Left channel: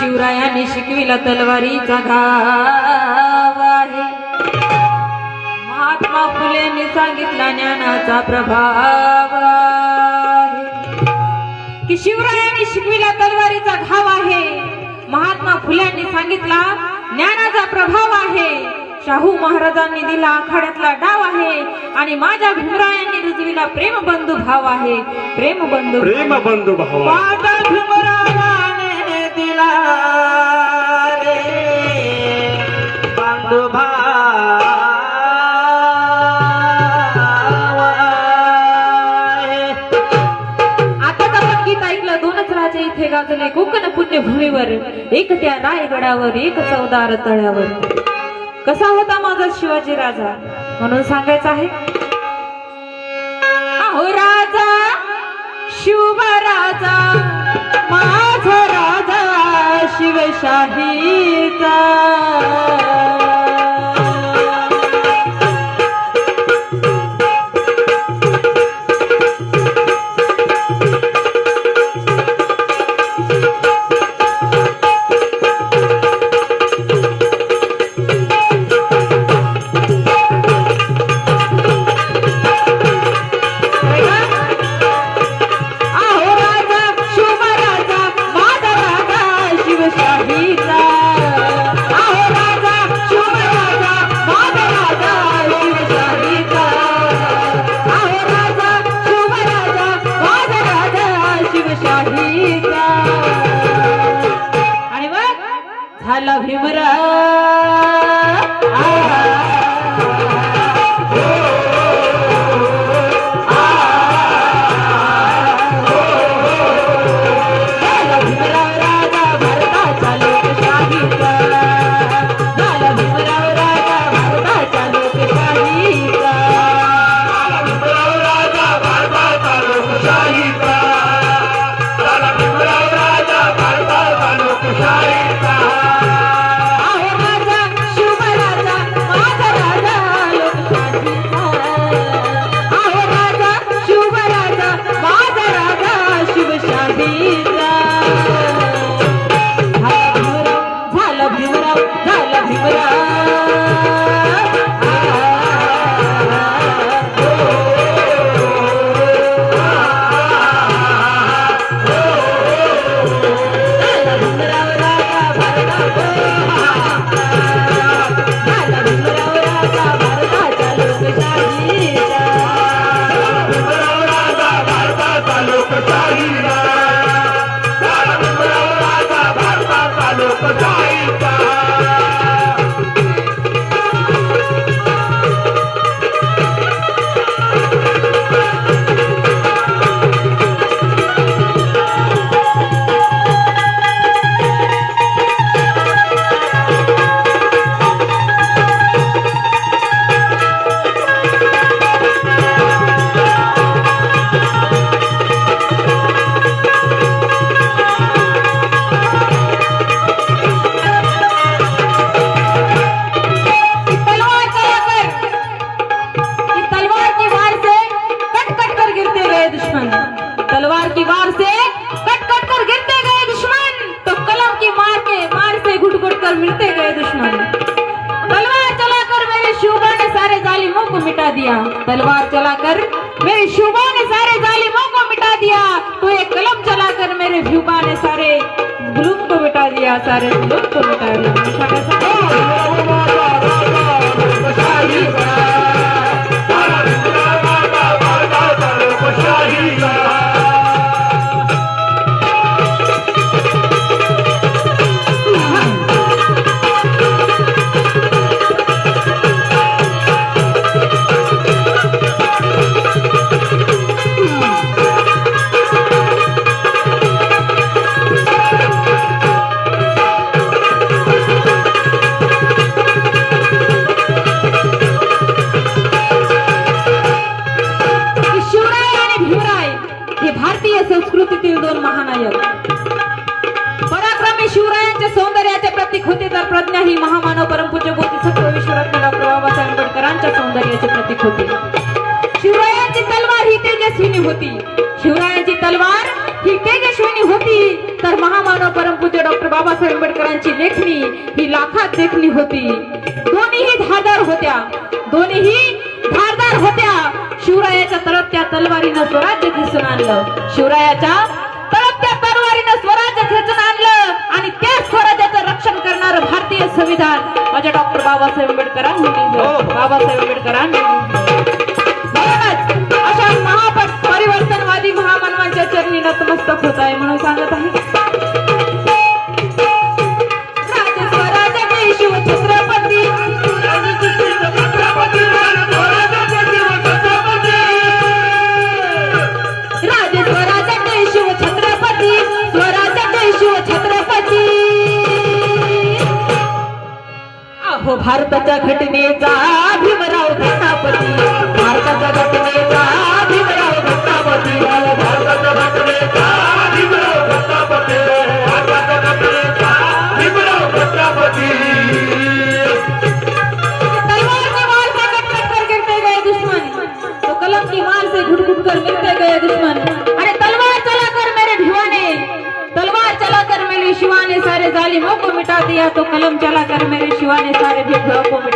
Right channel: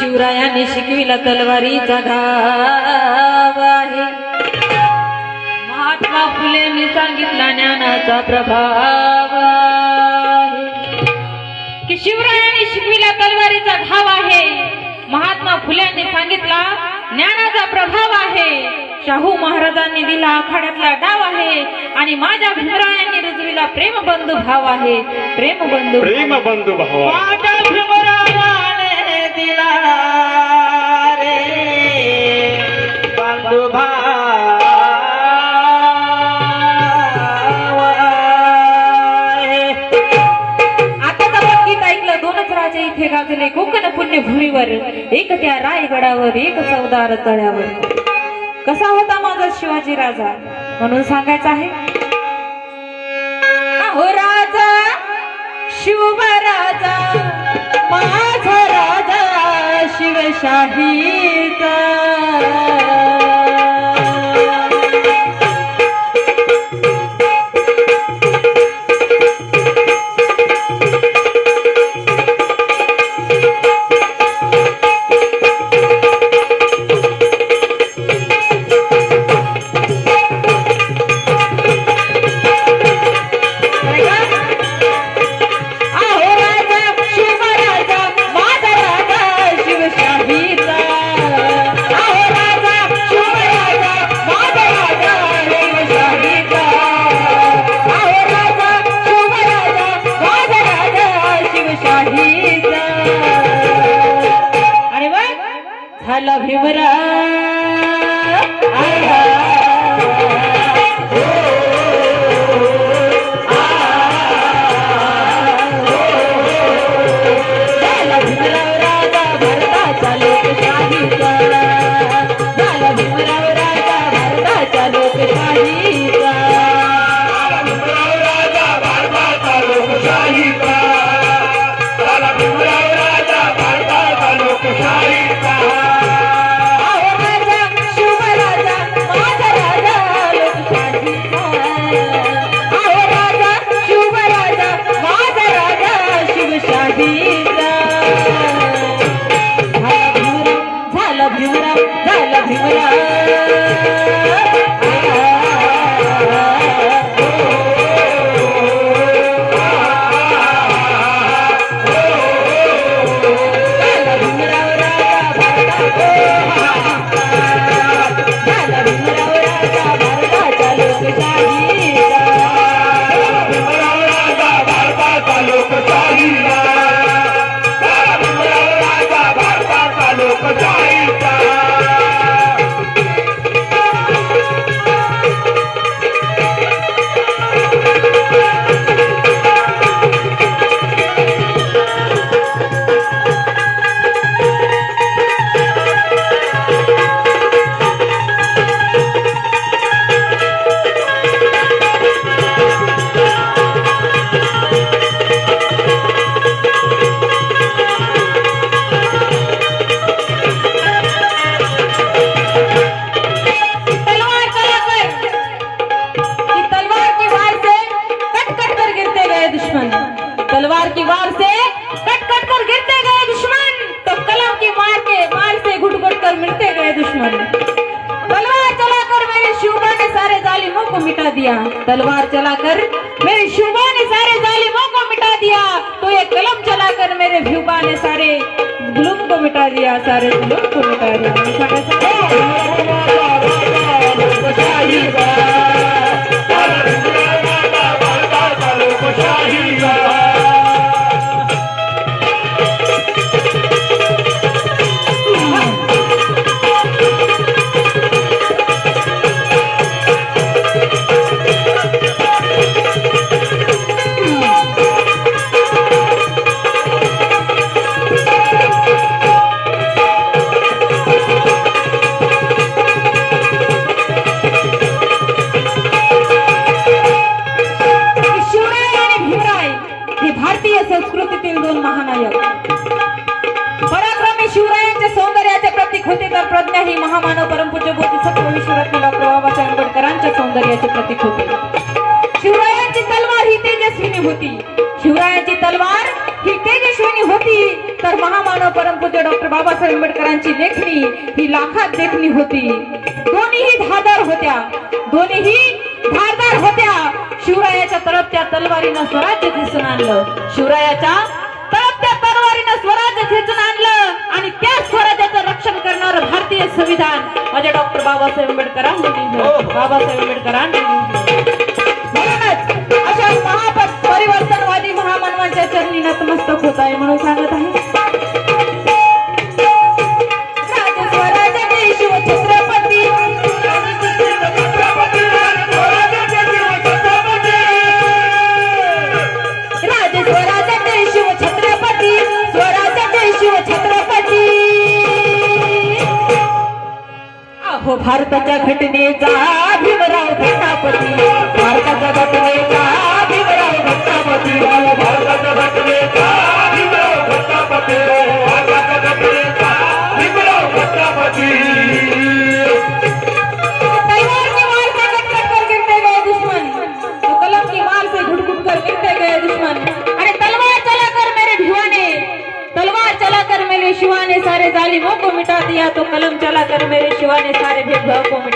शिकविला तलवारीचा धाव आहे. महात्मा फुलेंनी सांगितला ज्ञानाचा प्रभाव आहे. की शिवरायांनी शिकविला तलवारीचा घाव आहे. महात्मा फुलेंनी सांगितला ज्ञानाचा प्रभाव आहे. शाहू महाराजांनी दिला आखाड्यातला डाव आहे. आणि माझ्या भीमरायांनी रुजविला प्रेमबंधू भाव आहे. प्रेमबंधू प्रेम बंधू भावा दिला रे आता तर ऐकलं दोनच राजा इथे गाजले कोकण पुण्यभूमीवर एक त्या रायगडावर एक चौदार तळ्यावर. कसा होता माझा शिवाजी राजा? म्हणून सांगायचं आहे. अहो राजा शिवबा राजा माझा राजा शिवशाहीचा को मिटा दिया। तलवार चलाकर मेरे शुभा ने सारे जालिमों को मिटा दिया। तो ये कलम चलाकर मेरे शुभा ने सारे जुल्म को मिटा दिया सारे जुल्म को मिटा दिया। शिवरायांच्या सौंदर्याचे प्रतीक होते तर प्रज्ञा ही महामानव परमपूज्य सत्व सत्तविश्वरत्न डॉक्टर बाबासाहेब आंबेडकरांच्या सौंदर्याचे प्रतीक होते. शिवरायांची तलवार ही तेजस्विनी होती. शिवरायांची तलवार ही तेजस्विनी होती. तर महामानव परमपूज्य डॉक्टर बाबासाहेब आंबेडकरांची लेखणी ही लाखात देखणी होती. दोन्हीही धारदार होत्या. दोन्हीही धारदार होत्या. शिवरायाच्या तरफ त्या तलवारीनं स्वराज्य दिसून आणलं. शिवरायाच्या भारतीय संविधान. म्हणजे डॉक्टर बाबासाहेब आंबेडकरांनी लिहिलं. हो. बाबासाहेब आंबेडकरांनी लिहिलं. 别难过。